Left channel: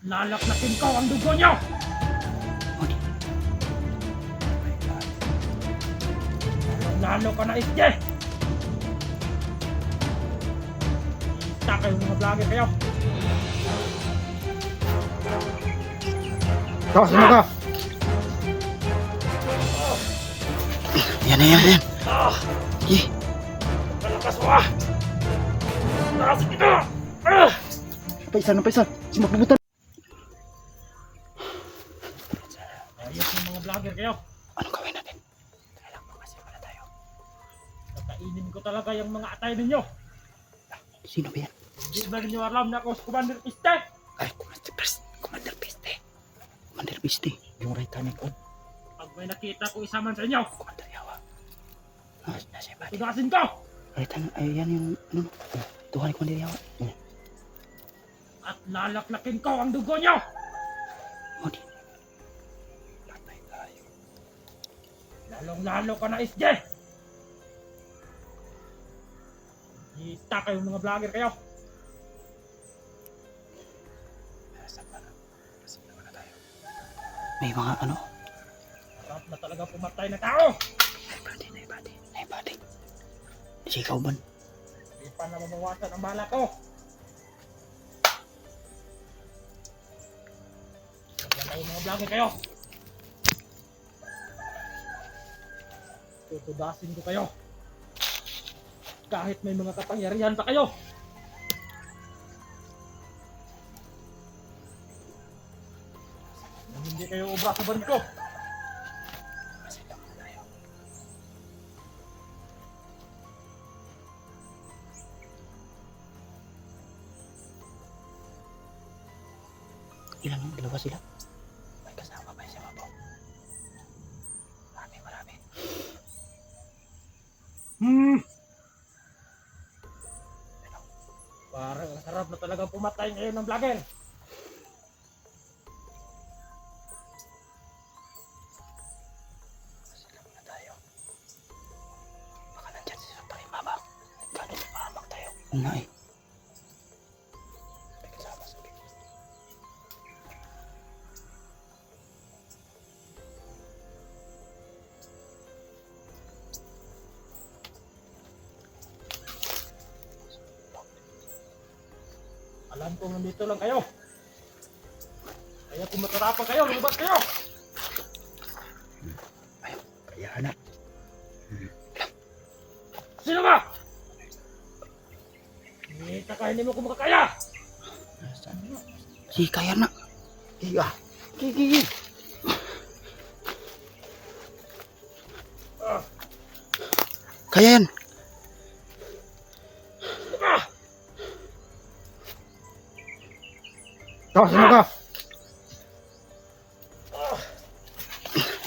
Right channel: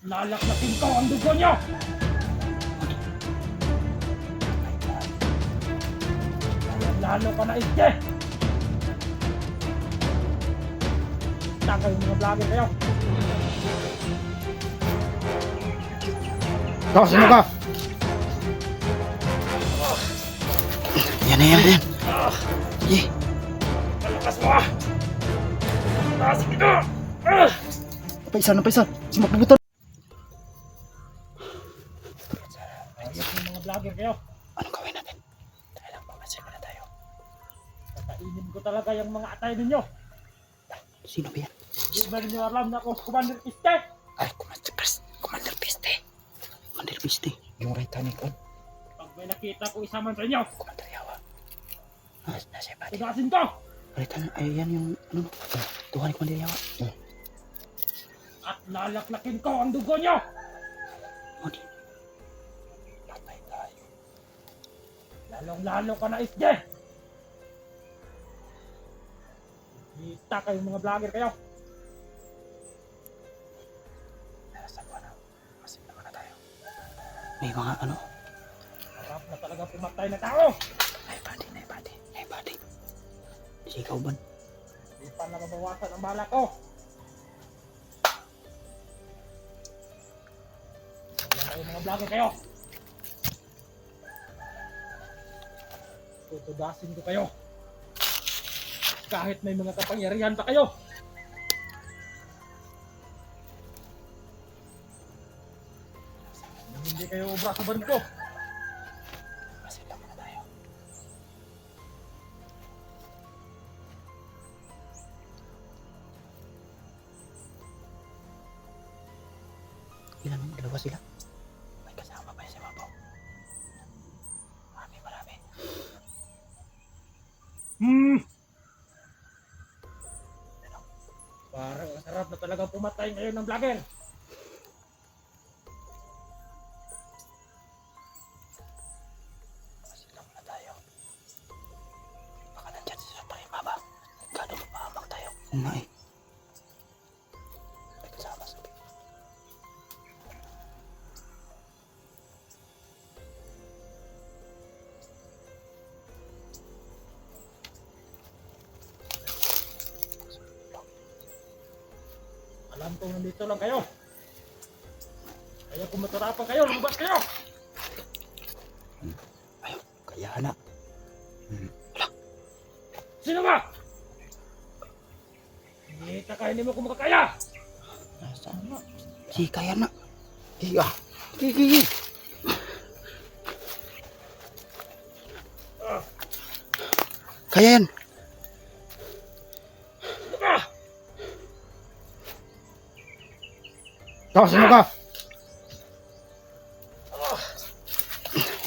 Lalaklakin ko ang dugo nyo! Lalo ka na itye! Kita kayo mga vlogger kayo! Ikaw, sino ka? Yan. Sige. Malakas mo ah! Taas kita! Napaisan. Si magbubutan. Ayos ng mga vlogger kayo! Anong gawin natin? Tara lang, pamasin muna tayo. Kakainin ko talaga yung mga atay ninyo! Sino ba yan? Hindi ba ninyo alam na ako si Commander Piste? Ay, Commander Piste. Commander Piste. Yung right hand ko. Pag may nakita ko isa man sa inyo, Commander Yawa. Nasa iba. tugasin ko! Right hand, ay yan yung, ano no? Tuhan ni Commander Yawa. At lalaklakin ko ang dugo nyo! Modi. Patay tayo. Lalong-lalo ka na SJ! Kita kayo mga vlogger kayo! Nasa ba na? Masin na muna tayo. May mga ano? Harap na talaga pumatay na tao! Ay, body. Sigaw ba? Hindi pa na mabawasan ang bala ko! Kaya kayo mga vlogger kayo! Tutudasin ko kayo! Kahit may mga kapangyarihan pa kayo! Nang hindi kayo obra sa baril ko! Masin lang muna tayo. Ilan yung dalawa sila? May kasama pa sa mabaw. Marami. Parang ang sarap na talagang pumatay ngayon ng vlogger! Masin lang muna tayo. Baka nandyan si Sotay Mama. Gano'n mapahamak tayo. Oo nga eh. May kasama sa akin. Alam kong nandito lang kayo! Kaya kung matarapan kayo, lumabas kayo! Ayaw, kaya na. Sino ba? Kita ka, hindi mo kung makakaya! Nasaan na? Si kaya na. Giga. Gigi. Ah, Kaya yan. sino ba? Ikaw, sino ka?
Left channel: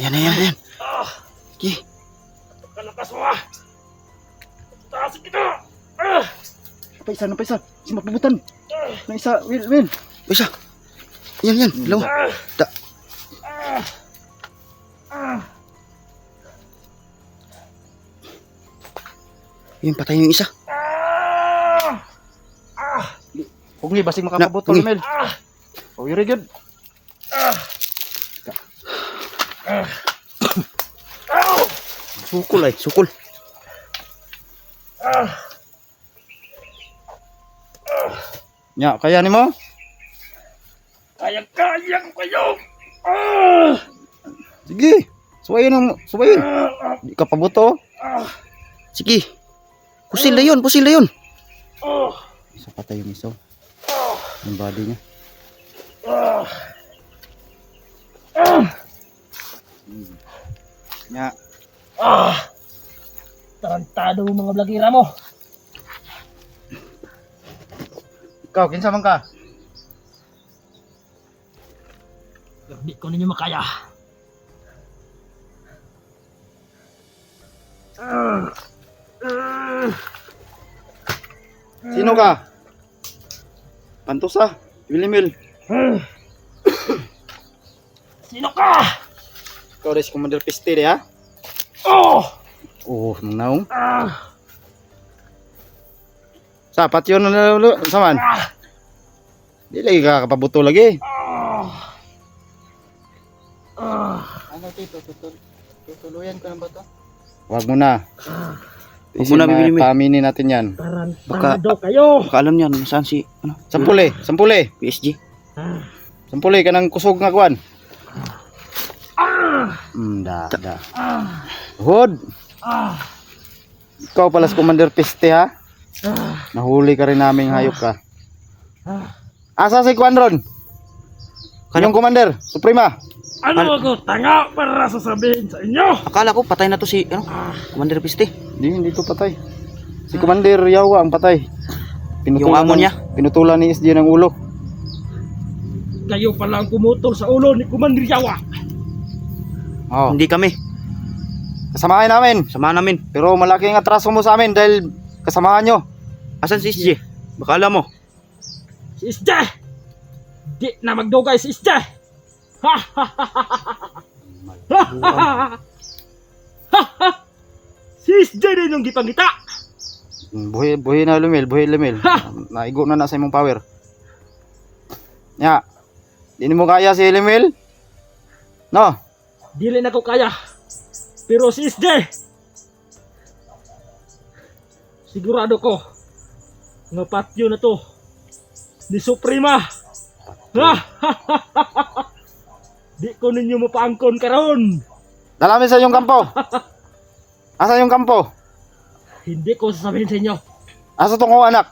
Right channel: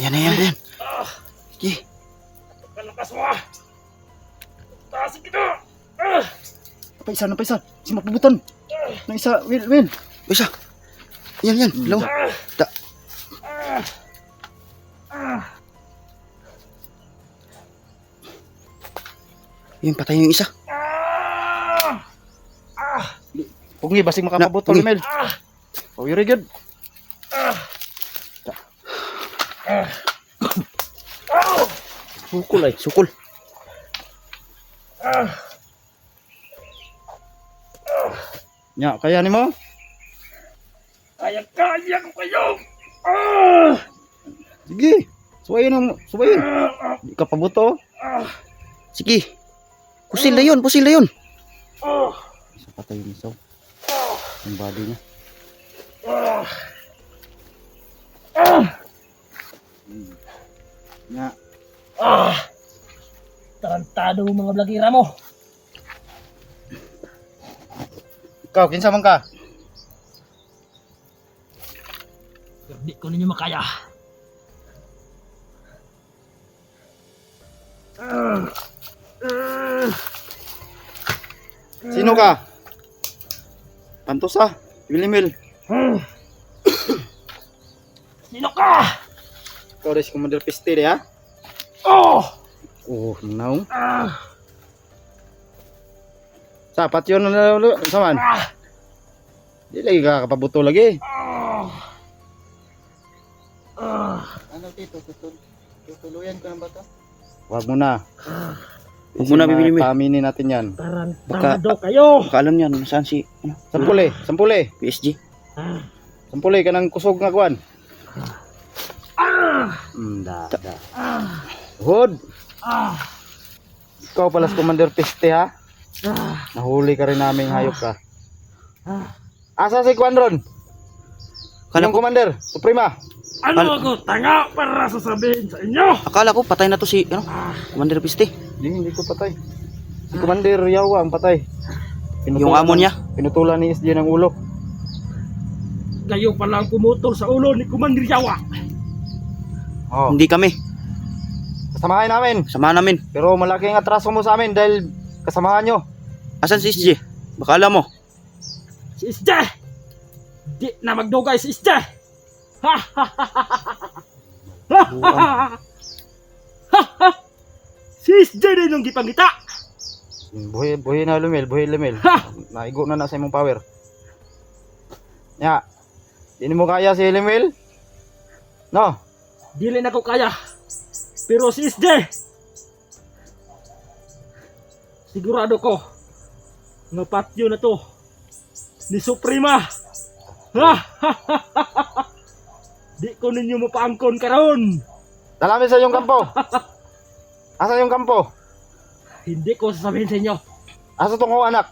Yan. Ah, Gi. kalakas mo ah! Taasin kita! Ah, Napaisan. Si magbubutan. ah, Na isa. Will. Isa. Yan. Dalawa. ah, Da. ah, ah. Yung patay yung isa. Ah! Ah! Pungi, basig makapabuto, Pungi. Mel. Ah! Oh, very good. Ah! Ah! Ow! Sukul. Ah! Nya, kaya ni mo? Kaya ko kayo! Ah! Sige. Suwayin. Ah! Di ka pabuto. Ah! Sige. Pusil na yun. Ah! Isa patay yung isa. Ah! Yung body niya. Ah! Ah! Nya. Ah! Tarantado mga blagira mo! Ikaw, kinsa man ka? Hindi ko ninyo makaya! Ah! Ah! Sino ka? Pantosa. Wilimil. Ah! Sino ka? Ikaw rin si Commander Piste, ha? Oh! Oh, naong. Ah! Sapat yun na ulo. Saman. Ah! Di lagi ka kapabuto lagi. Ah! Ano dito? Tutuluyan ko na ba to? Huwag mo na. Huwag mo na, Bibilimil. Paaminin natin yan. Baka- Tarantado kayo. Baka alam niyan, saan si, ano, Sampuli. PSG. Sampuli ka ng kusog nga kuwan. Da. Hod. Ikaw pala si Commander Piste ha? Nahuli ka rin naming hayop ka. Asa si Kuan ron? Kala Yung ko, Commander, Suprema. Ano ako tanga para sasabihin sa inyo? akala ko patay na to si, ano, Commander Piste. Hindi ko patay. Si Commander Yawa ang patay. Yung amo niya. Pinutulan ni SJ ng ulo. Kayo pala ang kumutol sa ulo ni Commander Yawa. Oh. Hindi kami, Kasamahan namin. samahan namin. Pero malaking atraso mo sa amin dahil kasamahan nyo. Asan si SJ? Baka alam mo. Si Isje! Di na magdugay si Isje! Ha ha ha ha ha ha ha! Si Isje din yung gipangita! Buhi na lumil. Naigo na sa imong power. Ya. Di mo kaya si Lumil? No. Dili na ko kaya. Pero si Isje! Sigurado ko nga patyo na to ni Suprema. Ha ha ha ha ha! Di ko ninyo mapaangkon karon. Dalamin sa yung kampo. Asa yung kampo? Hindi ko sasabihin sa inyo. Asa tong kong anak?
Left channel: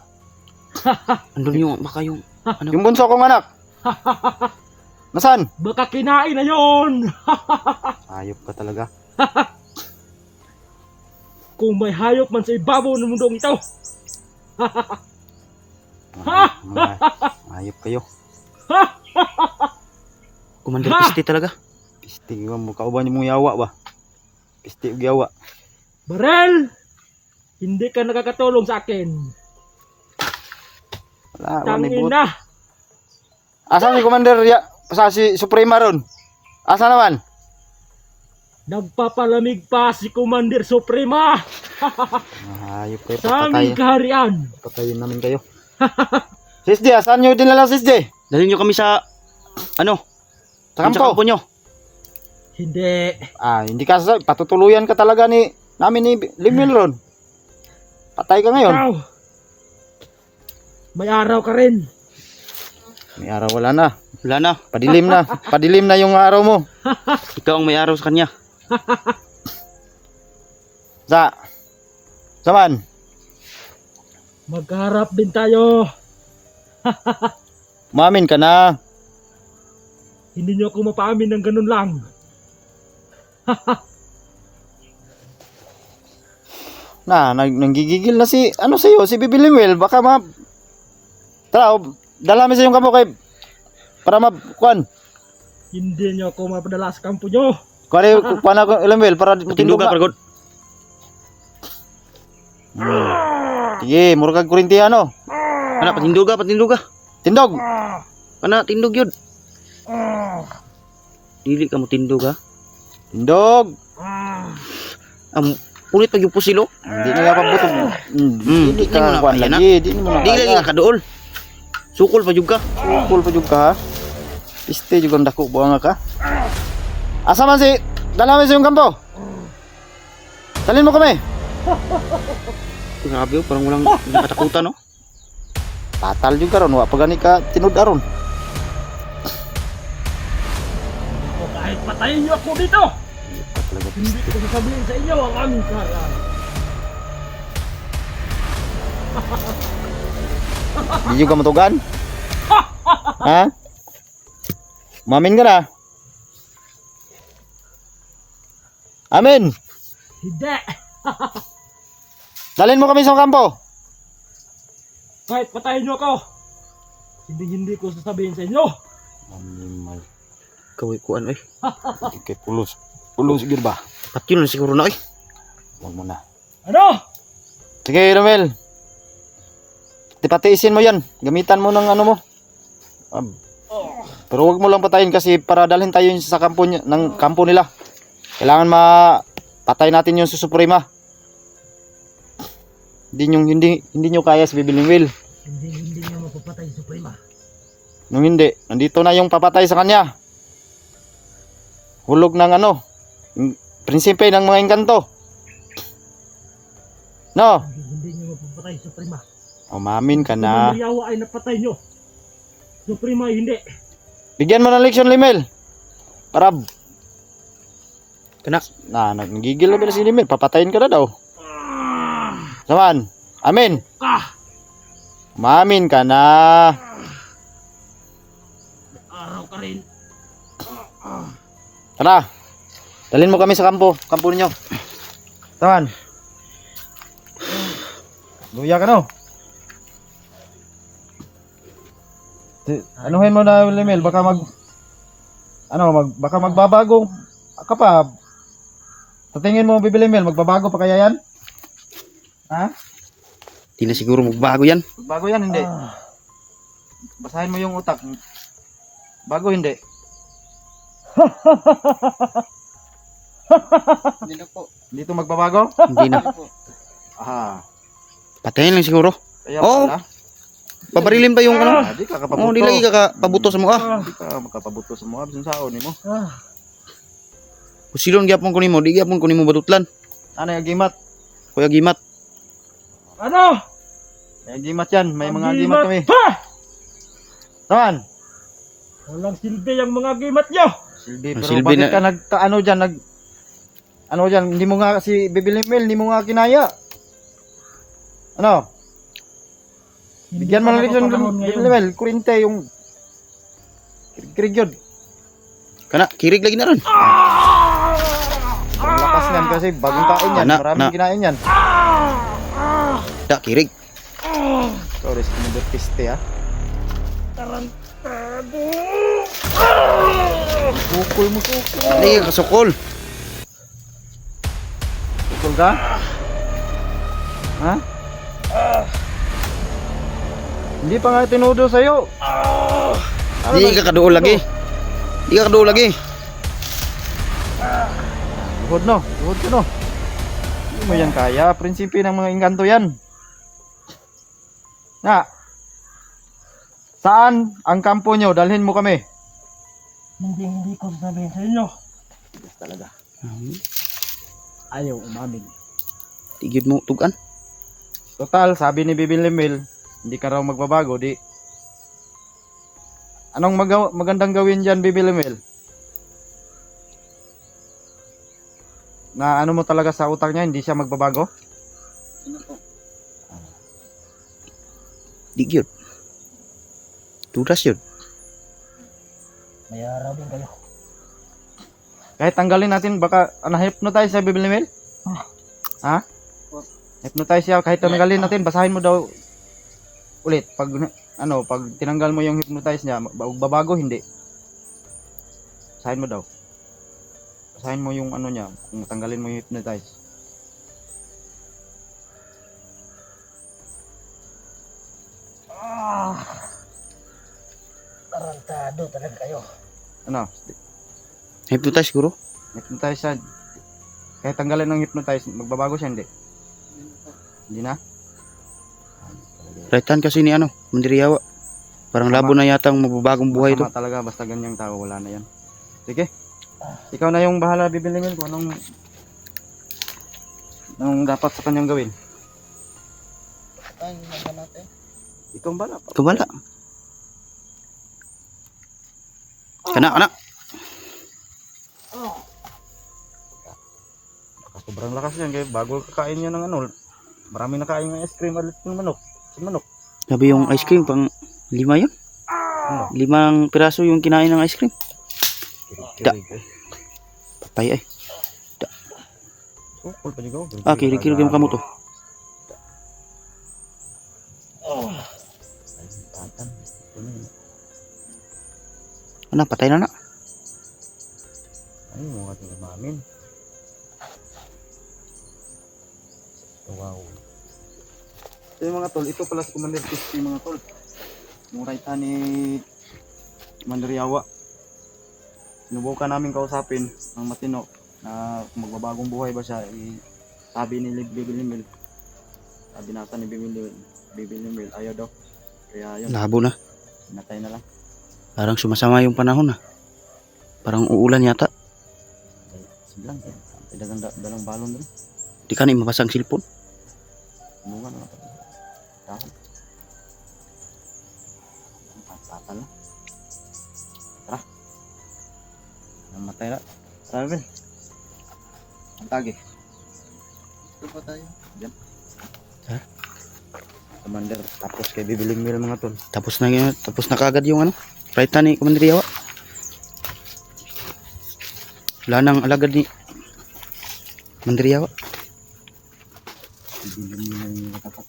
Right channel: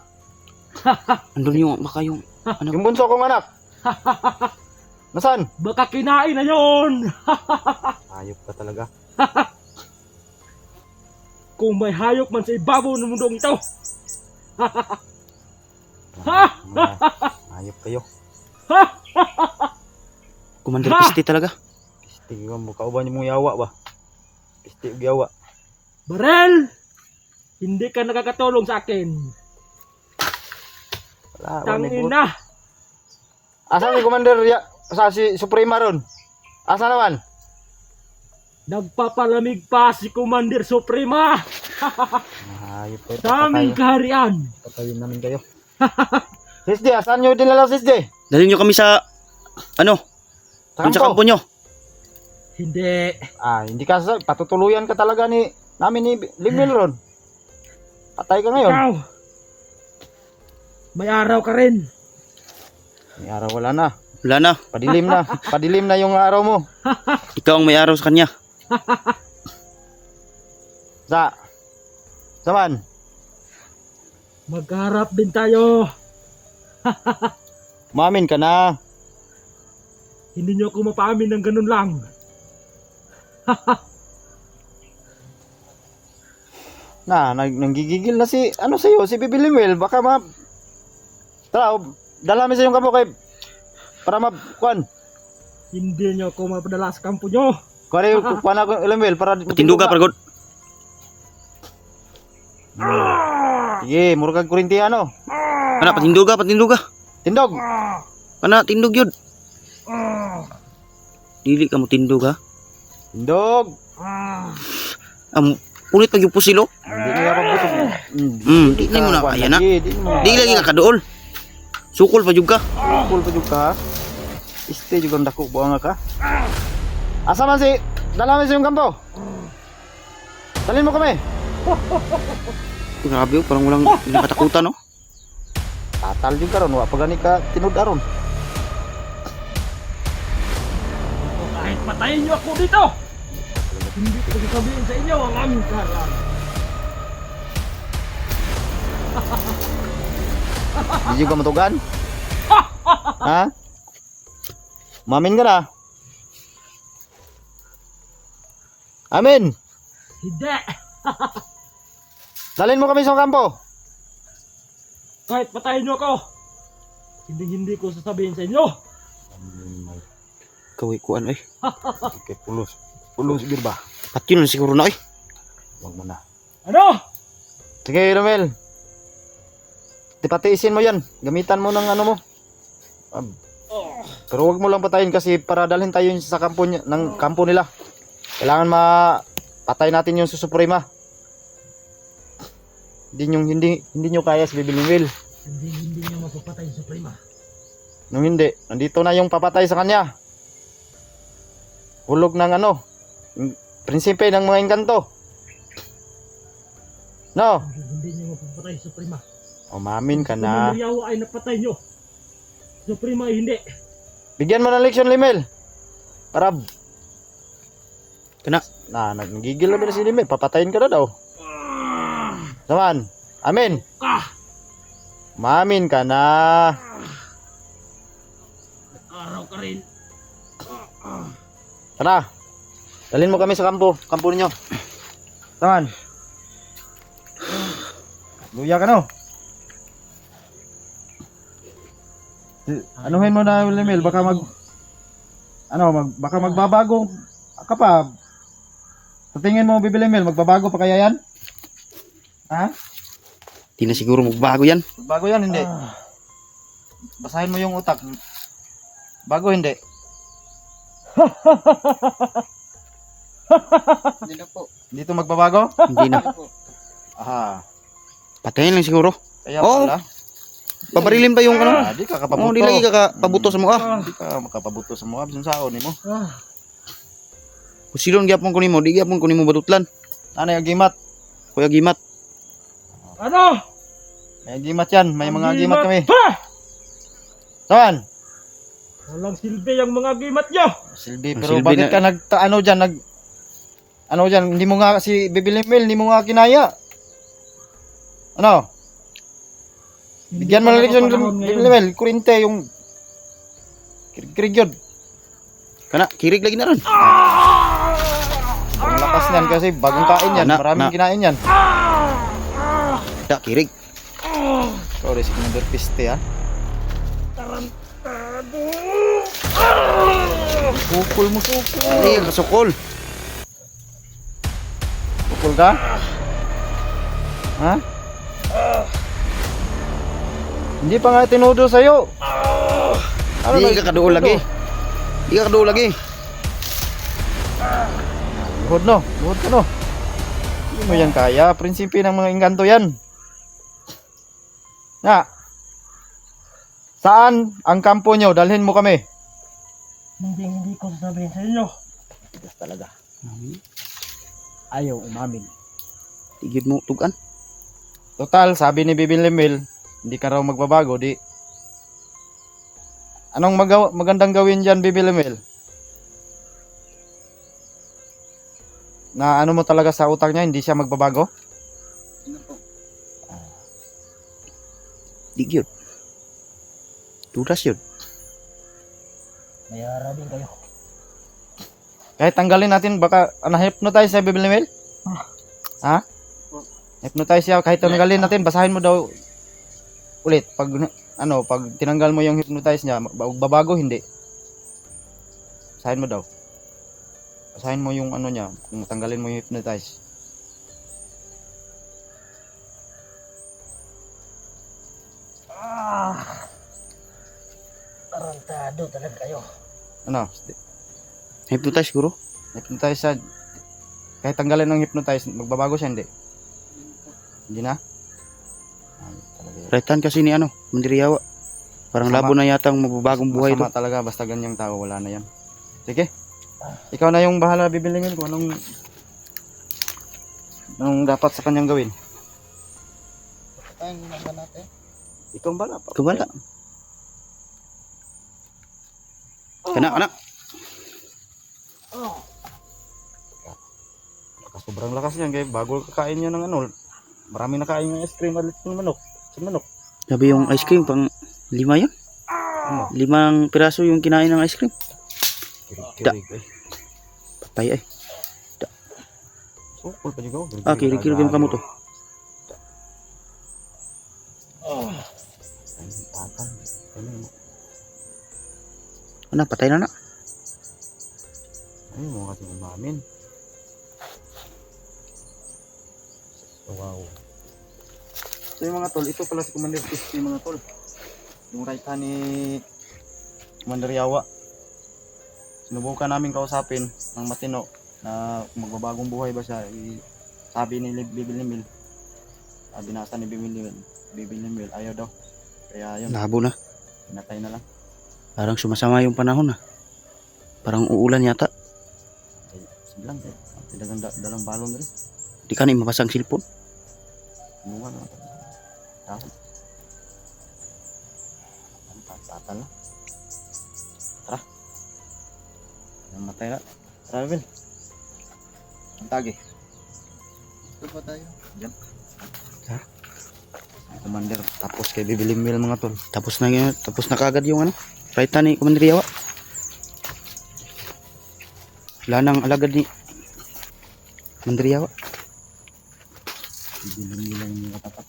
Andun yung, baka yung, ano, Yung bunso kong anak. Nasaan? Baka kinain na yon. Ayop ka talaga. Kung may hayop man sa ibabaw ng mundong ito. Ayop kayo. Commander Ha! Piste talaga. Piste mo kauban yung yawa ba? Piste ug yawa. Barel! Hindi ka nakakatulong sa akin. Wala, Tangin na. Asa si Commander sa si Suprema ron? Asa naman? Nagpapalamig pa si Commander Suprema Ayop kayo. sa aming kaharian. Patayin namin kayo. Sisde, saan nyo dinala Sisde? Dalhin nyo kami sa, ano, Sa yun sa kampo? kampo nyo. Hindi. Hindi ka patutuluyan ka talaga namin ni Limil ron. Patay ka ngayon. Ikaw. May araw ka rin. May araw wala na. Wala na. Padilim na. Padilim na yung araw mo. Ikaw ang may araw sa kanya. Saman? Magharap din tayo. Umamin ka na. Hindi nyo ako mapaamin ng ganun lang. Nanggigigil na si si Bibi Limil. Baka Tara, dala mi sa yung kampo kay para kuan. Hindi nyo ako mapadala sa kampo nyo. Kuan ako Limil para Tinduga, paragod. Sige, mura kag Korintiano. Ana, patinduga. Tindog. Ana, tindog yun. Dili ka mo tindog, ha? Tindog. Punit pag yung pusilo. Hindi na pabuto. Di mo na kuan kaya na. lagi, di mo. Di lagi ka kadool. Sukol pa juga. Cool pa jud ka ha. Piste jud ang dako buang ka. Asa man si dala mi sa yung kampo? Dalhin mo kami. Grabe, parang walang katakutan, no? Tatal jud karon wa pa gani ka tinud aron. O kahit patayin nyo ako dito. Hindi ko sasabihin sa inyo ang aming kaharian. Di jud ka matugan? Ha? Mamin ka na? Amin. Hindi. Dalhin mo kami sa kampo. Kahit patayin nyo ako. Hindi ko sasabihin sa inyo. Kaway kuan, eh. Kay pulos. Pulos gid ba? Patyo na siguro na, eh. Wag mo na. Ano? Sige, Romel. Tipatiisin mo yan. Gamitan mo ng ano mo. Pero wag mo lang patayin kasi para dalhin tayo sa kampo ng kampo nila. Kailangan patay natin yung Suprema. Hindi nyo kaya si Bibi Limil. Hindi nyo mapapatay yung Suprema. Nung hindi, nandito na yung papatay sa kanya. hulog ng ano, yung prinsipe ng mga engkanto. No, Hindi niyo mapapatay sa Suprema. umamin ka na. Commander Yawa ay napatay nyo. Suprema ay hindi. Bigyan mo ng leksyon, Limel. Para nagigil na ba na si Limel? Papatayin ka na daw. Saman, amin. Umamin ka na. Araw ka rin. Tara. Dalhin mo kami sa kampo ninyo. Saman. Luya ka no. Anuhin mo na, Limel, baka baka magbabago ka pa. Sa tingin mo, Bibi Limel, magbabago pa kaya yan? Ha? Di na siguro magbago yan. Bago yan, hindi. Basahin mo yung utak. Bago, hindi. Hindi na po. Hindi to magbabago? Hindi na. Aha. Patayin lang siguro. Kaya Oo. pala. Pabarilin ba yung ano? Di ka kapabuto. Oh, di lagi ka pabuto sa mukha. Di ka makapabuto sa mukha. Bisan saon mo. Kusilon gyapon ko nimo, di gyapon ko nimo batutlan. Ano yung gimat? Kuya Gimat. Ano? May gimat yan. May Ang mga gimat kami. Ha! Saan? Walang silbi ang mga gimat nyo. Silbi. Ang Pero silbi bakit na- ka ano dyan? Ano dyan? Hindi mo nga si Bibi Limel, hindi mo nga kinaya. Ano? Bigyan mo na rin yung Bibi Limel. Kurinte yung krigyod. Kana kirig lagi na ron. Ang lakas yan kasi bagong kain yan. Maraming kinain yan. Da kirig. Sorry, si Commander Piste ha. Sukol mo, sukol. Ay, kasukol. Sukol ka? Ha? Hindi pa nga tinudo sa'yo. Di ka kaduol lagi. Di ka kaduol lagi. Luhod no, luhod ka no. Hindi mo yan kaya. Prinsipi ng mga engkanto yan. Na. Saan ang kampo nyo? Dalhin mo kami. Hindi ko sasabihin sa inyo. Tigas talaga. Ayaw umamin. Tigid mo tugan. Total, sabi ni Bibi Limel, hindi ka raw magbabago, di. Anong magandang gawin dyan, Bibi Limel? Na ano mo talaga sa utak niya, hindi siya magbabago? Di gyud. Tudas yun. Mayara din kayo. Kahit tanggalin natin, baka na-hypnotize sa Bibi Limel? Ha? Hypnotize siya, kahit tanggalin natin, basahin mo daw ulit. Pag tinanggal mo yung hypnotize niya, babago, hindi. Basahin mo daw. Basahin mo yung ano niya, kung tanggalin mo yung hypnotize. Tarantado talaga kayo. Ano? Hypnotize siguro. Hypnotize siya. Kahit tanggalin ng hypnotize, magbabago siya, hindi? Hindi na? Raitan kasi ni ano, Mandiriyawa. Parang labo na yata ang mababagong buhay to. Masama talaga, basta ganyang tao, wala na yan. Sige. Ikaw na yung bahala, bibilingin kung anong dapat sa kanyang gawin. Ikaw ang bala. Kabala. Kana. Sobrang lakas yan, kaya bago kakain niya ng ano, maraming nakain ng ice cream alit ng manok. Sa manok. Sabi yung ice cream pang 5 yun. 5 piraso yung kinain ng ice cream. Kirig-kirig eh. Patay ay. Sukol pa juga. Ah, kirig-kirig yung kamo to. Ano, patay na na. Ay, mga mamin. Wow. So yung mga tol, ito pala si Commander Piste yung mga tol. Yung raita ni Commander Yawa. Sinubukan namin kausapin ng matino na kung magbabagong buhay ba siya. Sabi ni Bibi Limel. Binasa ni Bibi Limel, ayaw daw. Kaya yun, Labo na. pinatay na lang. Parang sumasama yung panahon na. Parang uulan yata. Lang, dalang balon rin. Di ka na mapasang cellphone. Bunga mga tol. Dahil. Tatan. Tara. Namatay na. Tara, Bel. Ang tagi. Ito pa tayo. Diyan. Ha? Commander, tapos kay bibiling meal mga tol. Tapos na yun, tapos na kagad yung ano. Palitan ni Commander Yawa. Wala nang alagad ni Commander Yawa. Bibiling meal ang mga tapat.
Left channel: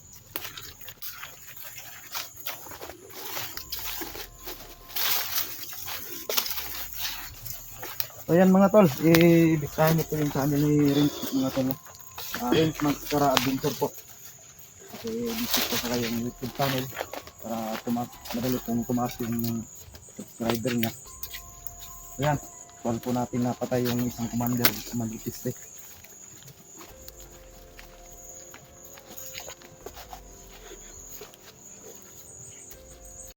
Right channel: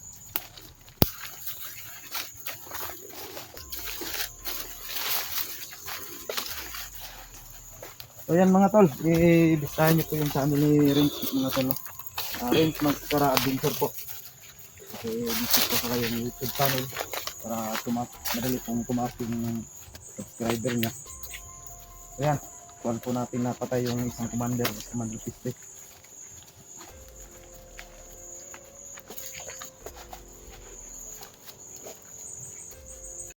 So yan mga tol, i-bistahan nyo po yung channel ni Rince mga tol. Rince Magkara Adventure po. Visit po sa kayong YouTube channel para madali pong tumaas yung subscriber niya. So yan, kuhan po natin napatay yung isang commander, Commander Piste.